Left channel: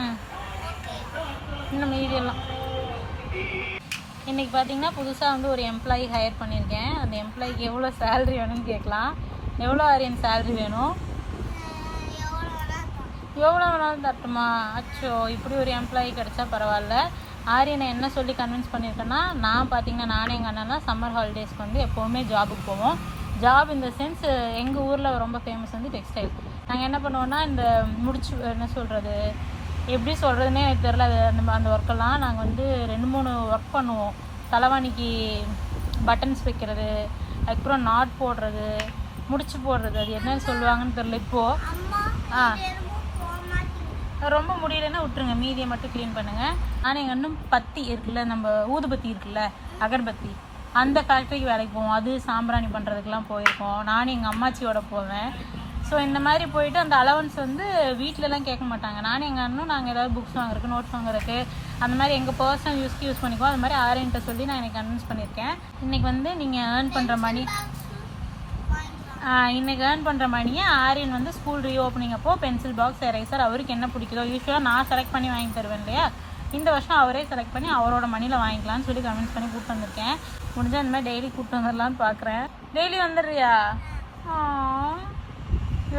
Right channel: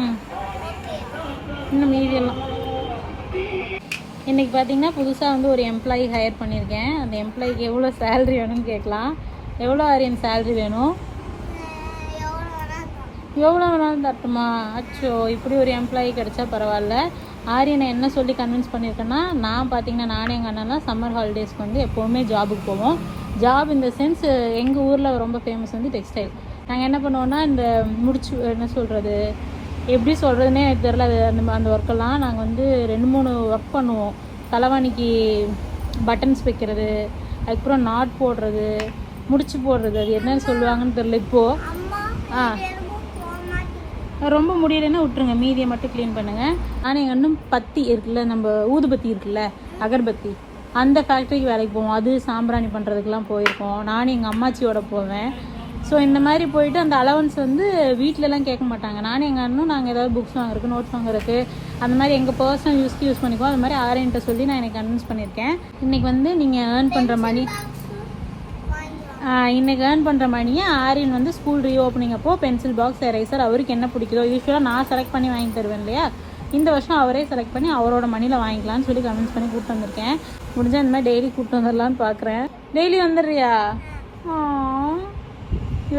ம் இன்னும் மீதியெல்லாம். இன்றைக்கி பார்த்தீங்கன்னா புதுசாக வந்து ஒரு எம்ப்ளாயி ஹையர் பண்ணியிருக்கேன். அந்த எம்ப்ளாயிக்கு எவ்வளோ சேல்ரி வேணும்னு கேட்கலாம். எவ்வளோ ஆரியன் சேல்ரி வேணும்? எவ்வளோ வேணாலும் தட்டுமா? அச்சோ, இப்படி ஒரு எம்ப்ளாயி கிடச்சா பரவாயில்ல. ஆரியனை என்ன சொல்லி கன்வின்ஸ் பண்ணியிருக்கேன்னா, நான் பார்த்தீங்கன்னா நானே எங்கள் அண்ணன்லாம் சம்மர் ஹாலிடேஸ்க்கு வந்து எப்போவுமே ஜாபுக்கு போவோம். ஜாப் இந்த சென்ஸ் எங்கள் ஊரில் ரொம்ப ஃபேமஸ் வந்து டெக்ஸ்டைல். நாங்கள் என்ன பண்ணுவோன்னா, இந்த முடிச்சு என்ன சொல்கிறது, எப்படி சொல்கிறதுனே எனக்கு தெரில. அது அந்த ஒர்க்கெல்லாம் நாங்கள் வந்து 2-3 ஒர்க் பண்ணுவோம். தலைவாணிக்கு பட்டன்ஸ் வைக்கிறது, அதுக்கப்புறம் நாட் போடுறது, முடிச்சு போடுறது, அது என்னன்னு சொல்லுவாங்கன்னு தெரில இப்போது. ரொம்ப முடியலைன்னா விட்டுருங்க, மீதியை மட்டும் க்ளீன் பண்ணுங்கள். ஆனால் எங்கள் இன்னும் பத்தி இருக்குல்ல, நம்ம ஊதுபத்தி இருக்குல்ல, அகர்பத்தி, அந்த ஃபேக்ட்ரிக்கு வேலைக்கு போவோம். அது சாம்பிராணி பண்ணுறதுக்கெலாம் போயிருக்கோம். நானும் எங்கள் அம்மாச்சியோட போவேன். ஸோ இந்த மாதிரி போயிட்டு அந்த அலவன்ஸ் வந்து வீட்டிலலாம் கேட்க மாட்டாங்க. நானும் எங்கள் அண்ணனும் நாங்கள் ஏதாவது புக்ஸ் வாங்குறதுக்கு, நோட்ஸ் வாங்குறதுக்கு, அந்த மாதிரி எங்கள் பர்சனல் யூஸ்க்கு யூஸ் பண்ணிக்குவோம். அது மாதிரி ஆரியன்ட்ட சொல்லி நான் எனக்கு கன்வின்ஸ் பண்ணியிருக்கேன். இன்றைக்கி வந்து நீங்கள் ஏர்ன் பண்ணுற மணி இன்றைக்கி ஏர்ன் பண்ணுற மணியை ஆரியன் வந்து ஸ்கூல் ரீஓப்பனிங் அப்போது பென்சில் பாக்ஸ், எரேசர் அவருக்கு என்ன பிடிக்குதோ, யூஸ்வலாக நான் செலக்ட் பண்ணி வாங்கி தருவேன் இல்லையா, இந்த வருஷம் அவரே செலக்ட் பண்ணி அவரோட மணியில் வாங்கிக்கலான்னு சொல்லி கன்வின்ஸ் பண்ணி கூப்பிட்டு வந்திருக்கேன். முடிஞ்சால் இந்த மாதிரி டெய்லி கூப்பிட்டு வந்துடலான்னு பார்க்குறேன். டெய்லி வந்துடுறியா?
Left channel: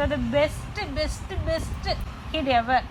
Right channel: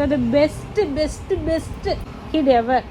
இது பெஸ்ட்டு கிட் எவர்.